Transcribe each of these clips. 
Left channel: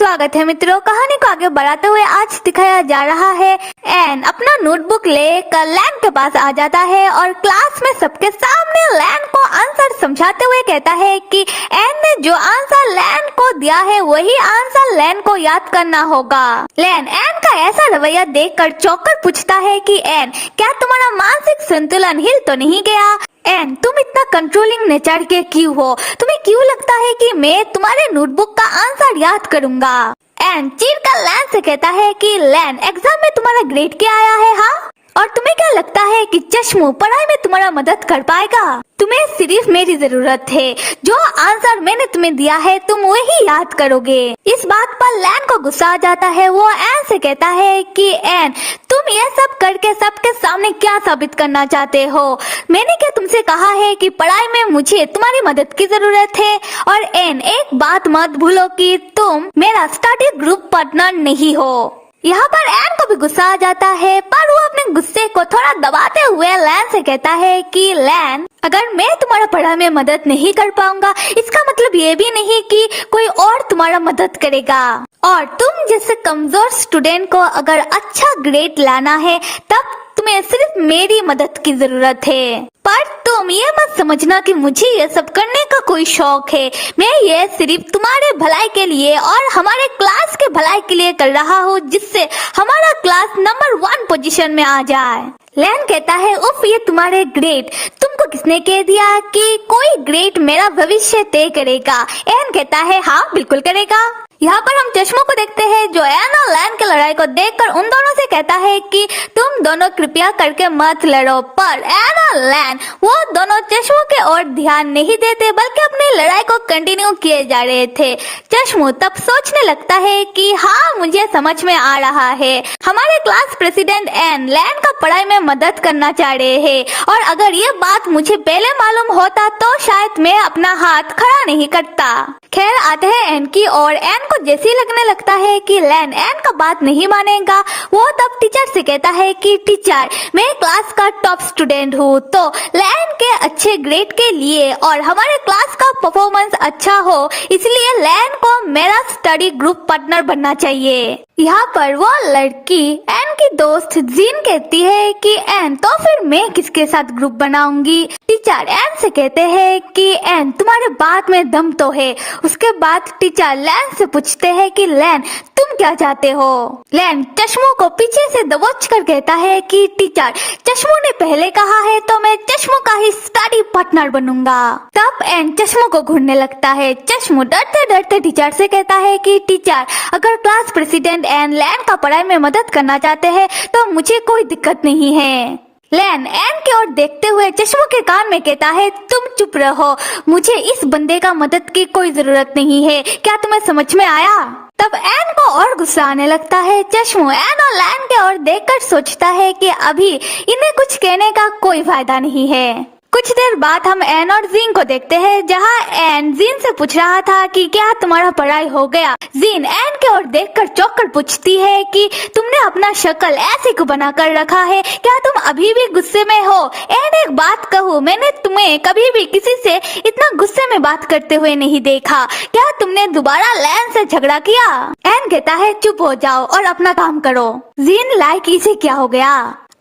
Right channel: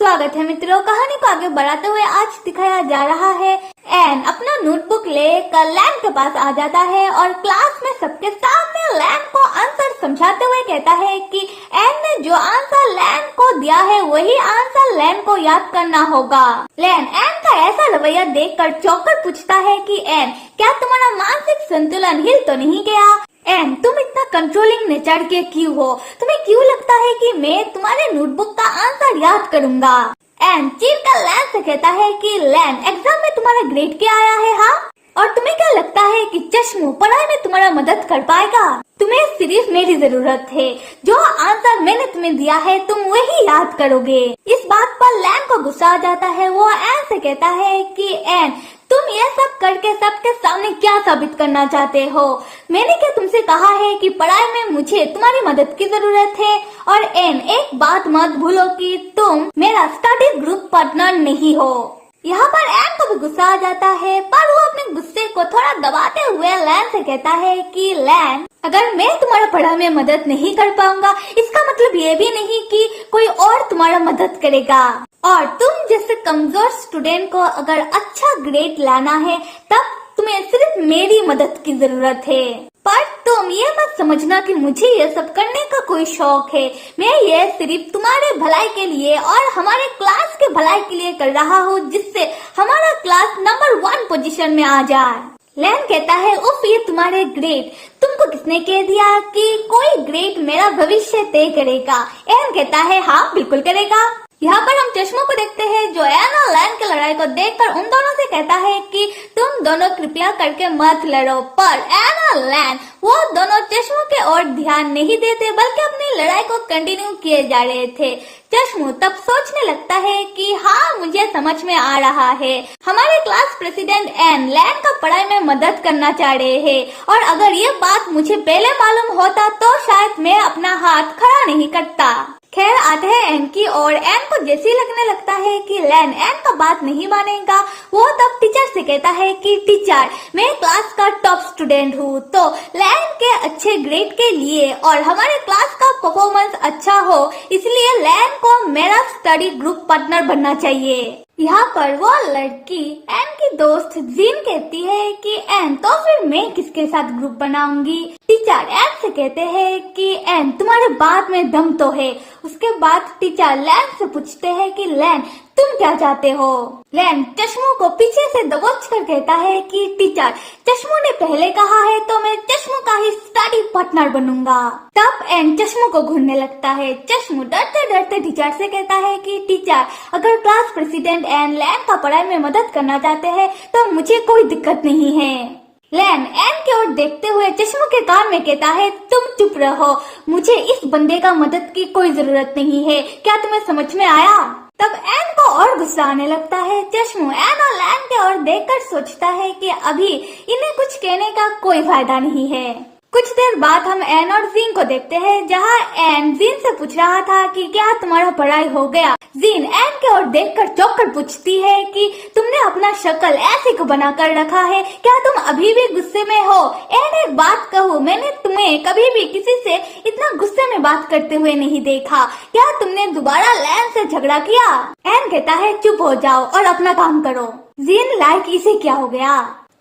स्वागत है मित्रों। कहानी को आगे बढ़ाते हुए आज दिखाया जा रहा है एन अपना नोटबुक लेकर लैन के पास आ जाता है और क्लास में सबके सामने लैन को आंसर समझाते हुए कहता है कि एन ने जो आंसर लैन को दिया है वही आंसर लैन को याद करना होगा। लैन एन का ऐसा रवैया देखकर चौंककर पूछता है कि एन, क्या तुम्हारा मानसिक संतुलन हिल तो नहीं गया? एन, तुम इतना कंट्रोलिंग नेचर के क्यों हो? तुम्हें क्यों लगता है कि मैं तुम्हारे नोटबुक का आंसर याद करूंगा? एन चिढ़कर लैन से कहता है कि लैन, एग्जाम में तुम्हारा ग्रेड क्या आया है? हाँ, और तुम्हें क्या लगता है कि चश्मो पढ़ाई में तुम्हारा मदद कर पाएगा? तुम्हें सिर्फ मेरी जरूरत है। जो आंसर मैंने तुम्हें दिया है तुम वही याद करोगे। इस बात पर लैन को गुस्सा आ जाता है। वो एन से कहता है कि एन, तुम ये सब करके सबके सामने क्या साबित करना चाहते हो? मैंने क्या तुमसे कहा है कि पढ़ाई में मुझे तुम्हारी मदद की जरूरत है? और एन, एक बात मत भूलो कि तुम मेरा स्टडी ग्रुप पार्टनर नहीं हो। यहाँ पर एन को भी गुस्सा आ जाता है, पर वो अपने गुस्से को थोड़ा दबाते हुए लैन से कहता है कि लैन, अगर मैं तुम्हारे पढ़ाई में मदद नहीं कर पाऊंगा इसका मतलब ये भी नहीं कि कोई और तुम्हारा मदद करेगा। और तुम जैसे कमजोर स्टूडेंट को अगर अच्छा ग्रेड लाना है तब तुम्हें सिर्फ मेरी मदद की जरूरत है। पर तुम ये मत समझना कि मुझे ये सब करने का कोई शौक है। मैं ये सिर्फ तुम्हारे भलाई के लिए और हमारे क्लास के भलाई के लिए कर रहा हूँ, जिससे हमारा क्लास नंबर 1 पोजीशन में आ जाए। लैन कहता है, उफ, ये तुम्हारे ग्रेड, तुमको किसने कह दिया कि कोई ग्रेड मेरा भविष्य तय करेगा? एन कहता है, हाँ बिल्कुल करेगा। यहाँ पर हम चश्मों को देखते हैं जो एन और लैन की लड़ाई को देखकर उन दोनों से कहता है कि तुम दोनों कृपया करके मत लड़ो। पर एन और लैन वो दोनों चश्मों के ओर ध्यान नहीं देते बल्कि अपनी लड़ाई को कंटिन्यू किए जा रहे थे। चश्मो तब सोचने लगता है कि हाँ, मुझे समझ में आ रहा है, हमारे क्लास प्रेसिडेंट एन लैन का पढ़ाई में मदद करना चाह रहे हैं, और अगर ये बात मुझे पहले मालूम होता तो शायद मैं अपना हाथ खड़ा नहीं करता। खैर, आते हैं एन की और एन को जैसे लगने लगता है कि लैन एन का बात नहीं मानेगा, वो तब टीचर से कहता है कि टीचर, मैं क्लास का टॉप स्टूडेंट हूँ, तो लैन के अच्छे ग्रेड के लिए और हमारे क्लास का परफॉर्मेंस अच्छा हो इसलिए लैन को मेरा स्टडी ग्रुप पार्टनर बनना चाहिए। यहाँ पर वो लड़की एन की दोस्त जीन कहती है कि एन, तो फिर मैं किसके साथ ग्रुप बनाऊंगी? टीचर एन से कहते हैं कि एन, तुम्हारी बात में दम तो है। उसके बाद टीचर लैन से पूछते हैं कि लैन, तुम क्या चाहते हो? लैन चश्मों को पीछे से दबोच कर कहता है कि टीचर, चश्मों ने पहले कहा है तो मैं चश्मों का ही स्टडी पार्टनर बनूंगा। तब एन चश्मों को घूरने लगता है। चश्मो डरते डरते टीचर से कहता है कि टीचर, अगर क्लास प्रेसिडेंट एन लैन का पढ़ाई में मदद करना चाहते हैं तो मुझे कोई दिक्कत नहीं है। लैन एन की ओर देखते हुए चश्मों के कान में कहता है, तुम चुप रहो, मुझे इस बंदे का मदद की कोई जरूरत नहीं है। क्या तुम्हें समझ में आया? तब एन को और गुस्सा आने लगता है। चश्मो एन और लैन की ओर देखकर सोचता है कि अभी इन्हें कुछ कहने का कोई फायदा नहीं है। कुछ देर बाद हम एन और जीन को देखते हैं, जहाँ एन जीन से पूछ रहा था कि क्या तुम्हारा पढ़ाई हो गया? जीन एन के ओर देखकर चौंक कर पूछती है कि तुमने अपना शक्ल ऐसे क्यों बनाकर रखा है? क्या तुम अभी भी गुस्से में हो? एन, एक बात कहूँ, मैंने तुम्हें कभी भी किसी से इतना गुस्से में बात करते हुए नहीं देखा। क्या तुमने दोबारा लैन से झगड़ा किया? एन कहता है, चुप हो जाओ और अपना काम करो। जीन, लाइक इसे क्या हो गया?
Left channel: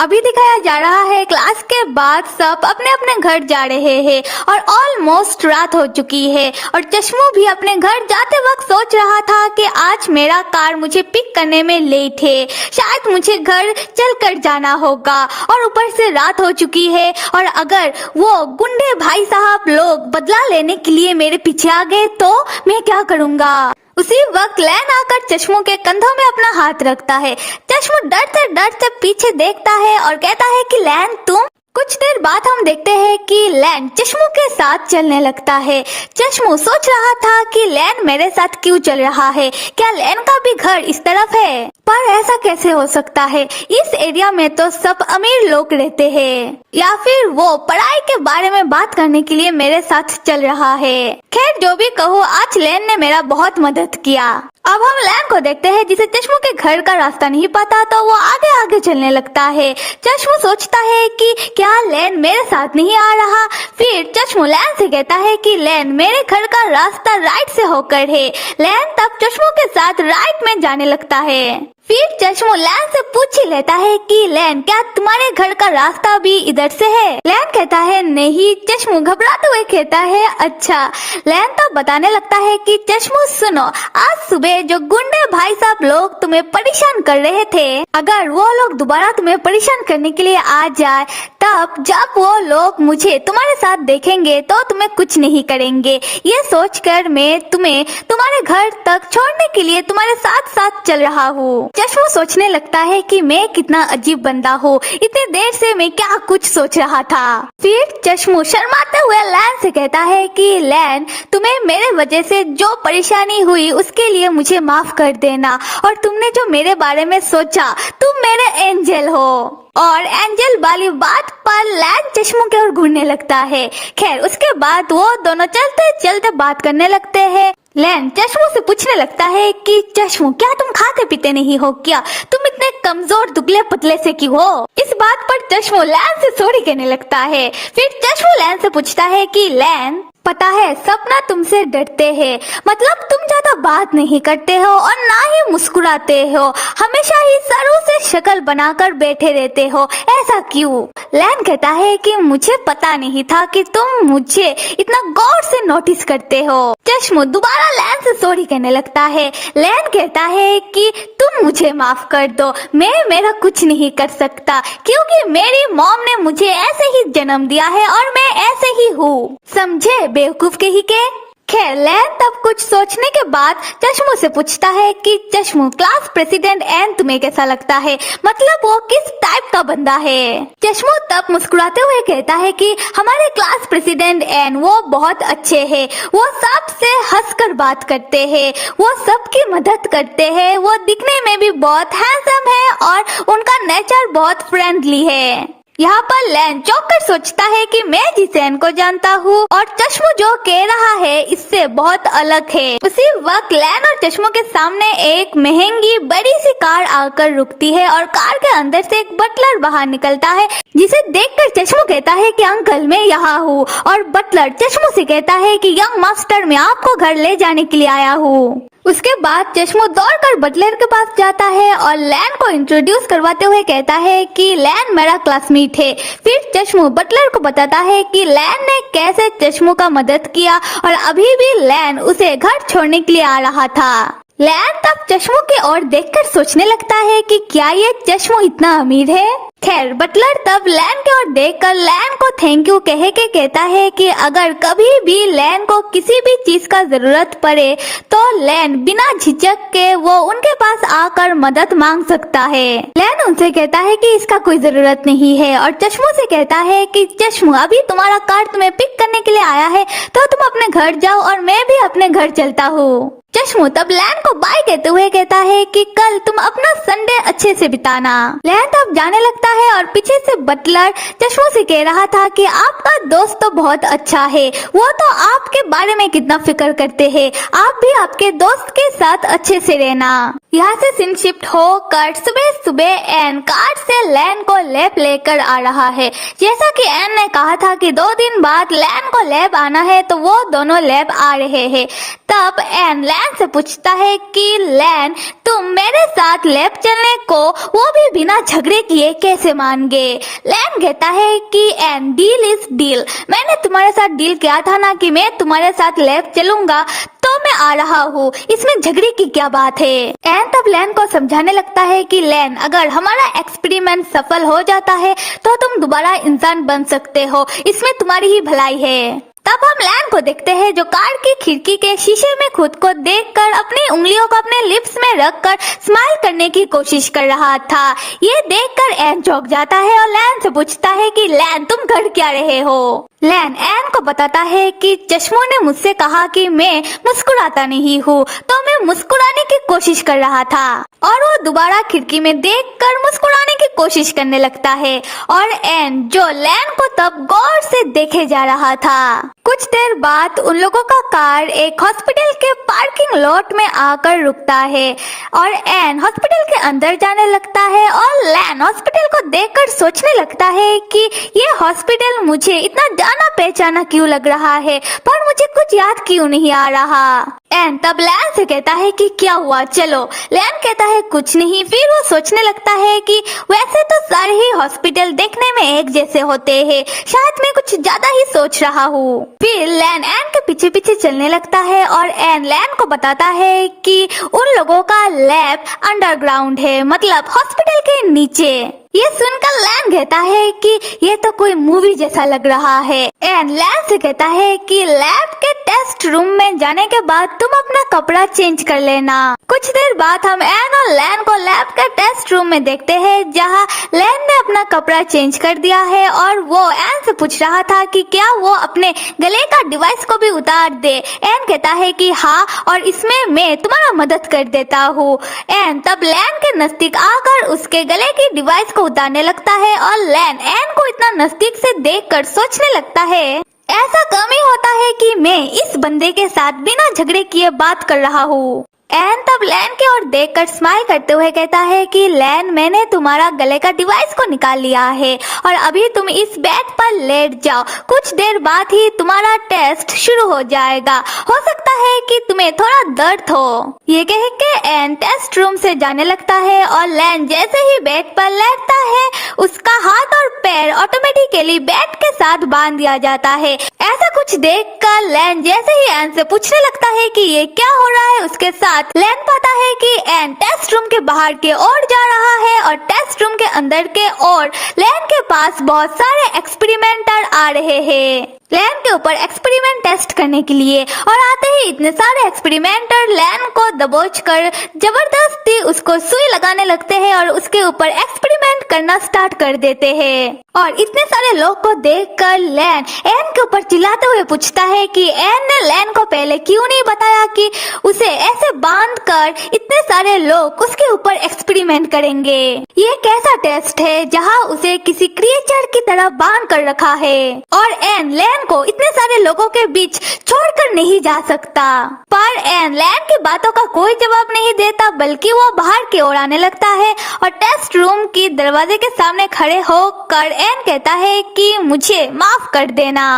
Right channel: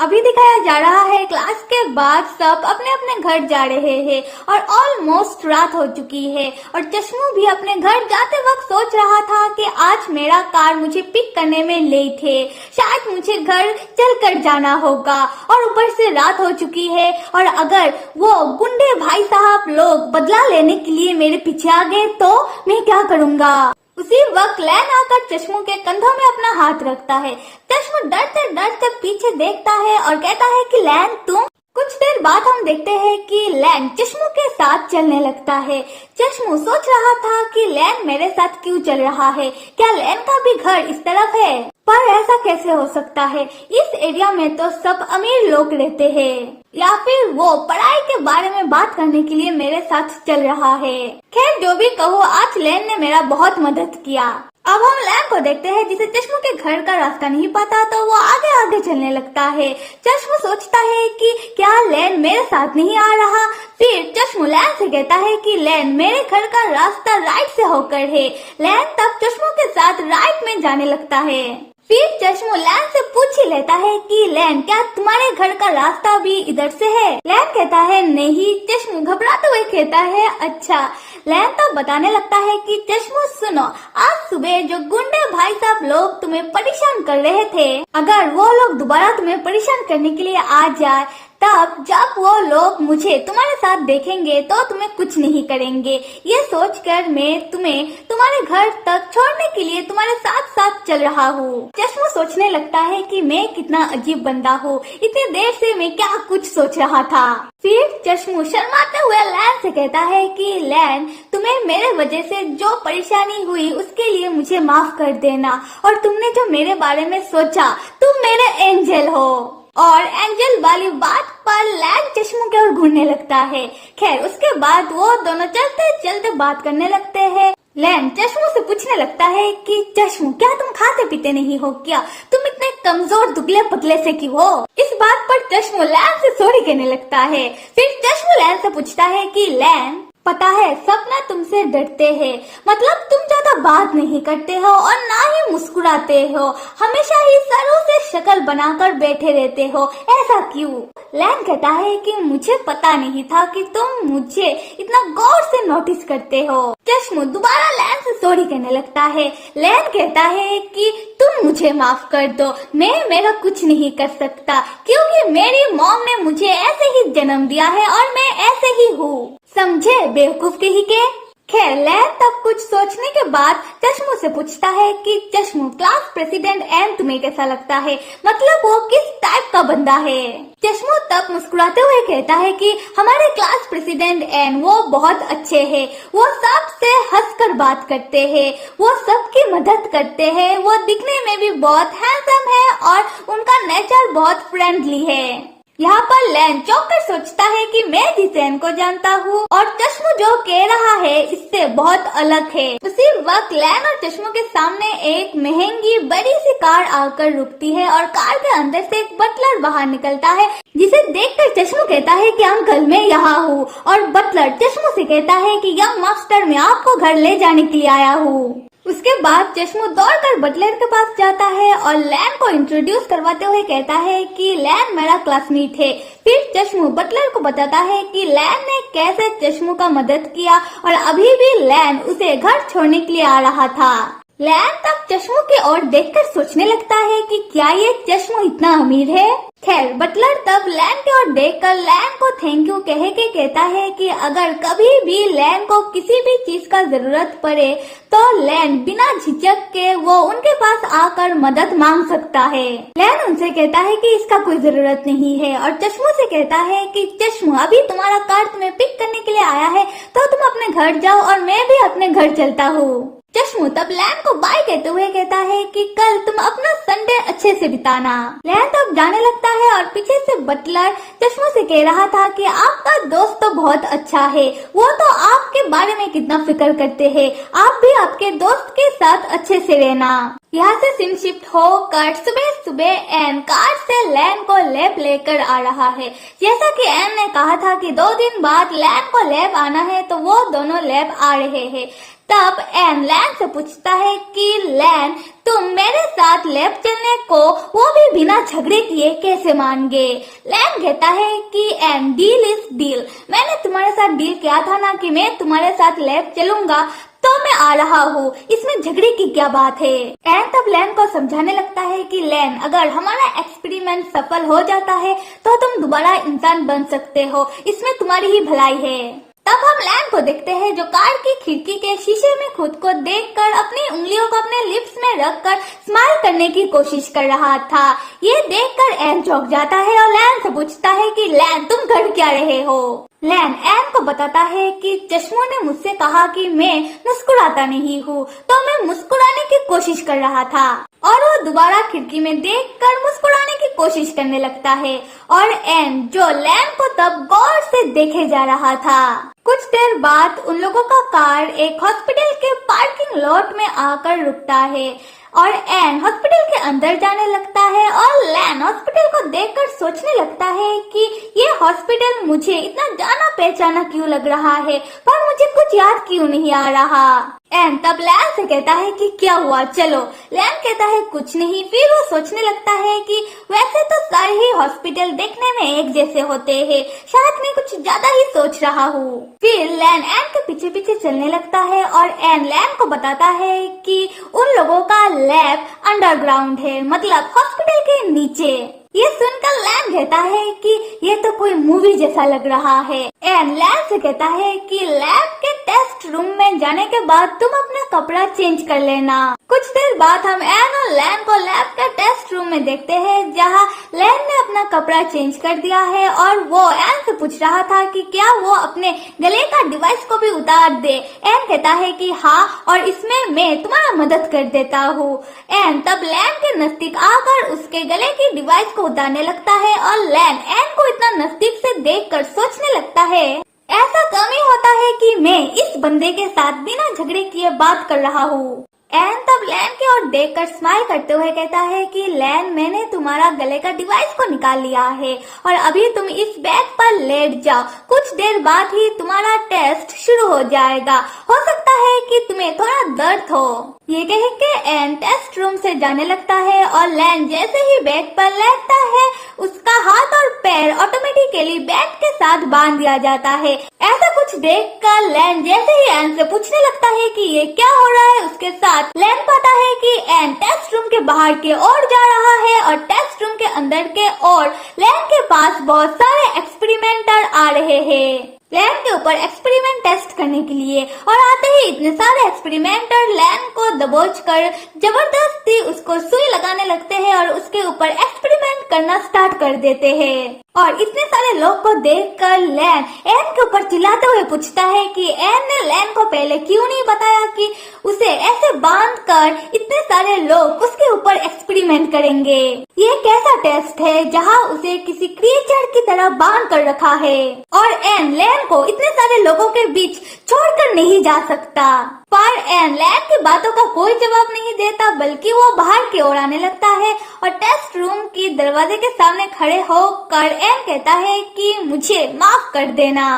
अभी दिखाया जा रहा है क्लास के बाद सब अपने अपने घर जा रहे हैं और ऑलमोस्ट रात हो चुकी है और चश्मो भी अपने घर जाते वक्त सोच रहा था कि आज मेरा कार मुझे पिक करने में लेट है, शायद मुझे घर चलकर जाना होगा और ऊपर से रात हो चुकी है, और अगर वो गुंडे भाई साहब लोग बदला लेने के लिए मेरे पीछे आ गए तो मैं क्या करूँगा? उसी वक्त लैन आकर चश्मों के कंधों में अपना हाथ रखता है। चश्मो डरते डरते पीछे देखता है और कहता है कि लैन, तुम? कुछ देर बाद हम देखते हैं कि लैन चश्मो के साथ चलने लगता है। चश्मो सोच रहा था कि लैन मेरे साथ क्यों चल रहा है? क्या लैन का भी घर इस तरफ है? पर ऐसा कैसे हो सकता है? इस एरिया में तो सब अमीर लोग रहते हैं, या फिर वो पढ़ाई के बारे में बात करने के लिए मेरे साथ चल रहा है। खैर, जो भी कहो, आज लैन ने मेरा बहुत मदद किया। अब हम लैन को देखते हैं जिसे चश्मू के घर का रास्ता नहीं पता, तो वो आगे आगे चलने लगता है। चश्मू सोचता है कि क्या लैन मेरे साथ नहीं आ रहा। फिर चश्मू लैन से कहता है कि लैन मेरे घर का रास्ता राइट से होकर है। लैन तब चश्मू के साथ राइट में जाने लगता है। फिर चश्मू लैन से पूछ ही लेता है कि लैन क्या तुम्हारे घर का रास्ता भी इधर से है। लैन कहता है नहीं। चश्मू घबराते हुए कहता है अच्छा। लैन तो बताने लगता है कि चश्मू सुनो, आज सुबह जो गुंडे भाई साहब लोग तुम्हें परेशान कर रहे थे, अगर वो लोग दोबारा तुम्हें परेशान करने के लिए आ जाए, तब जब वो लोग मुझे तुम्हारे साथ देखेंगे तो तुम्हें कुछ नहीं करेंगे। ये सोचकर मैं तुम्हें तुम्हारे घर तक छोड़ने के लिए तुम्हारे साथ साथ चल रहा हूँ। चश्मू सोचने लगता है कि मैं कितना अजीब बंदा हूँ, इतने देर से मैं क्या कुछ सोच रहा था। फिर चश्मू शर्माते हुए लैन से कहता है कि लैन तुम्हें मेरे वजह से जो परेशानी हुई उसके लिए मुझे माफ कर देना, और तुमने जो मेरे बारे में सोचा, तुम मेरे एंजल हो। और एंजल वाली बात पर लैन चश्मू की ओर घूरने लगता है। खैर उसके बाद वो दोनों चलते चलते बात करने लगते हैं। लैन चश्मू से पूछने लगता है कि चश्मू क्या तुम खाते पीते नहीं हो क्या? तुम इतने कमजोर दुबले पतले से क्यों हो? इस बात पर चश्मू लैन से सॉरी कहने लगता है। फिर चश्मू लैन से पूछता है कि लैन पता है सपना तुमसे डरते हैं, मतलब तुम ज्यादा बात नहीं करते हो और ना ही मुस्कुराते हो, हमेशा ही सरों से शक्ल बनाकर बैठे रहते हो, ऐसा क्यों? लैन कहता है कि मुझे पता नहीं था कि तुम मुझे इतना गौर से नोटिस करते हो। चश्मू दोबारा लैन से सॉरी कहने लगता है। लैन कहता है कि तुम मुझे माफ कर दो, मैं मेरा कुछ नहीं कर सकता, क्योंकि मेरी मॉम ने मुझे ऐसे ही जन्म दिया है और मैं ऐसे ही हूँ, समझे बेवकूफ के ही के। खैर लैन तब कुछ सोचने के बाद चश्मू से पूछता है कि चश्मू क्लास प्रेसिडेंट एन तुम्हें कैसा लगता है, मतलब वो किस टाइप का बंदा है? चश्मू तब मुस्कुराते हुए कहता है कि हमारे क्लास प्रेसिडेंट एन वो बहुत अच्छे हैं, वो सबसे हंसकर बात करते हैं, वो सबकी मदद करते हैं, वो दिखने में भी बहुत हैंडसम है और उनका नेचर बहुत फ्रेंडली है। यहाँ पर लैन चौंक कर सोचता है कि मैं जिस एन को जानता हूँ और चश्मू जो कह रहा है इससे बहुत अलग है। उसी वक्त लैन और चश्मू के सामने एक महंगी बड़ी सी कार आकर रुकती है और कार के अंदर से एक बटलर बाहर निकलता है, जिसे देखकर चश्मू कहता है कि अंकल मैं यहाँ हूँ, और बटलर चश्मू से कहता है कि यंग मास्टर मैं आपको घर ले जाने के लिए आया हूँ। उसके बाद चश्मू दौड़कर बटलर के पास जाता है और लैन को इंट्रोड्यूस करवाते हुए कहता है कि लैन मेरा क्लासमेट है। फिर चश्मू बटलर को बताता है कि लैन ने कैसे चश्मू का मदद किया और अभी भी लैन उसे घर छोड़ने के लिए आ रहा था। लैन तब चश्मू की ओर देखकर सोचने लगता है कि क्या ये चश्मू इतना अमीर है। खैर बटलर तब लैन की ओर देखकर लैन को थैंक यू कह के कहता है कि अगर कभी भी लैन को किसी भी चीज का जरूरत पड़े तो लैन बिना झिझक के वो उनके पास आकर मदद मांग सकता है। लैन उनसे कहता है कि इसका कोई जरूरत नहीं है और चश्मू से कहता है कि चश्मू अभी तुम्हारा कार तुम्हें पिक करने के लिए आया है, तो तुम अपने घर जाओ और मैं भी अपने घर चलता हूँ। चश्मू तब लैन को बाय कहते हुए कहता है कि कल तुम अपना संडे अच्छे से बिताना। लैन तब जाने लगता है और पीछे से बटलर चश्मू से कह रहा था कि आपका दोस्त तो बहुत अच्छा है, वो तो आपके बारे में कितना फिक्र करते हैं, आप भी आपके दोस्त के साथ अच्छे से रहना। यहाँ से सीन शिफ्ट होकर सुबह सुबह एन कार से लैन को लैब लेकर आ रहा है। जैसा कि एन ने कहा था कि 2 दिन बाद लैन को लैब आना है, तो वो दोनों लैब आ रहे हैं। तब एन लैन से पूछता है कि लैन तुम मेरे साथ लैब चलने को वो भी बिना झगड़े किए कैसे मान गए? लैन कहता है कि एन डील इज डील, मैंने तुम्हारे साथ डील किया था ना कि मैं तुम्हारे साथ लैब चलूंगा, तो मैं आ रहा हूँ, इसमें झगड़े की क्या बात है? एन तब लैन को समझाने लगता है कि लैन अगर हमारा एक्सपेरिमेंट सफल हो जाता है तो तुम दोबारा इंसान बन सकते हो, इसमें तुम्हारी ही भलाई है। तब हम लैन को देखते हैं जो कार की खिड़की के शीशे में खुद को देखकर अपनी उंगलियों को अपने लिप्स में रखकर स्माइल करने की कोशिश कर रहा था। ये देखकर एन चौंक जाता है और लैन से पूछता है कि लैन तुम कर क्या रहे हो? लैन एन को बताता है कि चश्मू ने मुझसे कहा कि मैं मुस्कुराता नहीं हूँ, तो मैं मुस्कुराने की कोशिश कर रहा था, और वो दोबारा खिड़की में देखकर मुस्कुराने की कोशिश करने लगता है। और एन जो लैन को तब गौर से देखे जा रहा था। कुछ देर बाद उन लोगों का कार एक हॉस्पिटल के पार्किंग पार्किंग लॉट में आकर रुकता है और एन हॉस्पिटल के अंदर जाने लगता है और लैन हॉस्पिटल को देखकर सोचने लगता है कि ये हॉस्पिटल मुझे इतना जाना पहचाना क्यों लग रहा है, पर मुझे कुछ याद क्यों नहीं आ रहा। एन तब लैन से कहता है कि क्या हुआ, चलो। लैन कहता है कुछ नहीं। फिर वो सोचने लगता है कि वैसे तो सारे ही हॉस्पिटल देखने में एक जैसे होते हैं, शायद मैं कुछ ज्यादा ही सोच रहा हूँ। फिर लैन एन के पीछे पीछे चलने लगता है और एन लैन को बताता है कि उन लोगों का लैब अंडरग्राउंड है, मतलब हॉस्पिटल के नीचे। ये सुनकर लैन कहता है कि ये तो कोई मूवी जैसा लग रहा है। एन लैन से कहता है कि लैब के टेस्ट रूम में जाने के बाद तुम अपना कपड़ा चेंज कर लेना। कुछ देर बाद हम एन और लैन को लैब के टेस्ट रूम में देखते हैं, जहाँ लैन ने अपना कपड़ा चेंज कर दिया है और वो एन से पूछ रहा था कि क्या वो अपने गले का डिवाइस को भी उतार दे। एन कहता है कि हाँ, और इसमें मैं तुम्हारा मदद कर देता हूँ। एन तब लैन के नजदीक आकर उसके गले की डिवाइस को उतारने लगता है और लैन एन को इतना नजदीक से देखकर सोचने लगता है ऐसा कम ही होता है कि मैं इस बंदे के साथ बिना झगड़े किए बात कर रहा हूँ। एन तब लैन के ओर देखकर स्माइल करते हुए कहता है कि लैन, मैंने तुम्हारा गले का डिवाइस को निकाल लिया है और अभी तुम इस बेड पर लेट जाओ, कुछ देर बाद ही तुम्हारा टेस्ट शुरू हो जाएगा, हो सकता है कि तुम्हें थोड़ा दर्द हो। ये कह के एन टेस्ट रूम से जाने लगता है और लैन जैसे ही बेड पर लेटता है उसका हाथ और पैर ऑटोमेटिकली बेड के साथ बांध दिया जाता है। ऐसा कुछ देख कर लैन जैसे ही एन से पूछने लगता है कि ये क्या हो रहा है उसके साथ, लैन पाता है कि एन टेस्ट रूम के बाहर के ओर जा रहा है और टेस्ट रूम के अंदर के ओर लैन के पास बहुत सारे एक्सपेरिमेंटर आ रहे हैं लैन के ऊपर एक्सपेरिमेंट टेस्ट करने के लिए। और आते ही इतने सारे एक्सपेरिमेंटर लैन को दबोच कर जबरदस्ती उसको सुई लगाने लगते हैं और उसके ऊपर एक्सपेरिमेंट करना स्टार्ट कर देते हैं। और इतने सारे लोग को देखकर लैन एन के ऊपर चिल्लाते हुए पूछता है कि एन ने लैन को पहले क्यों नहीं बताया कि उसे ऐसे बांध कर इतने सारे लोग उसके ऊपर एक्सपेरिमेंट करेंगे। ये कैसा टेस्ट है जहाँ उसे किसी क्रिएचर की तरह बांध कर रखा है और एन लैन को इतने सारे लोगों के बीच छोड़कर नहीं जा सकता। पर एन लैन की बातों का कोई जवाब नहीं देता, बल्कि वो बाहर की ओर आने लगता है और टेस्ट रूम की दरवाजे के सामने खड़े होकर एन कहता है कि मुझे माफ कर देना।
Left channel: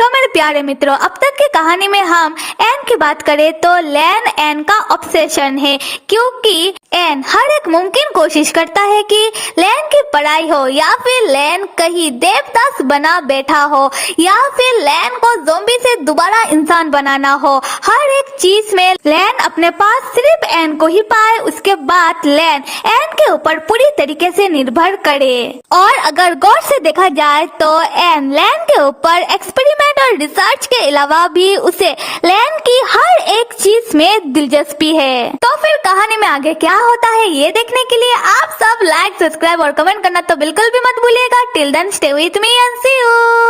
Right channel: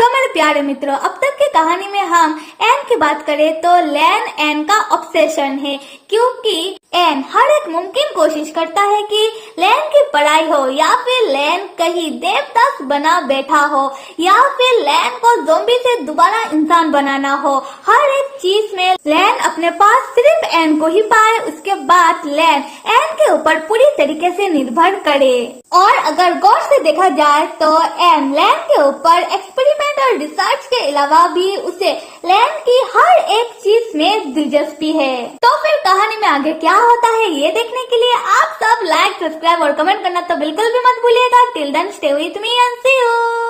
मेरे प्यारे मित्रों, अब तक की कहानी में हम एन की बात करें तो लैन एन का ऑब्सेशन है, क्योंकि एन हर एक मुमकिन कोशिश करता है कि लैन की पढ़ाई हो या फिर लैन कहीं देवदास बना बैठा हो या फिर लैन को ज़ोंबी से दोबारा इंसान बनाना हो। हर एक चीज में लैन अपने पास सिर्फ एन को ही पाए, उसके बाद लैन एन के ऊपर पूरी तरीके से निर्भर करे। और अगर गौर से देखा जाए तो एन लैन के ऊपर एक्सपेरिमेंट और रिसर्च के अलावा भी उसे लैन की हर एक चीज में दिलचस्पी है। तो फिर कहानी में आगे क्या होता है ये देखने के लिए आप सब लाइक, सब्सक्राइब और कमेंट करना तो बिल्कुल भी मत भूलिएगा। Till then stay with me and see you.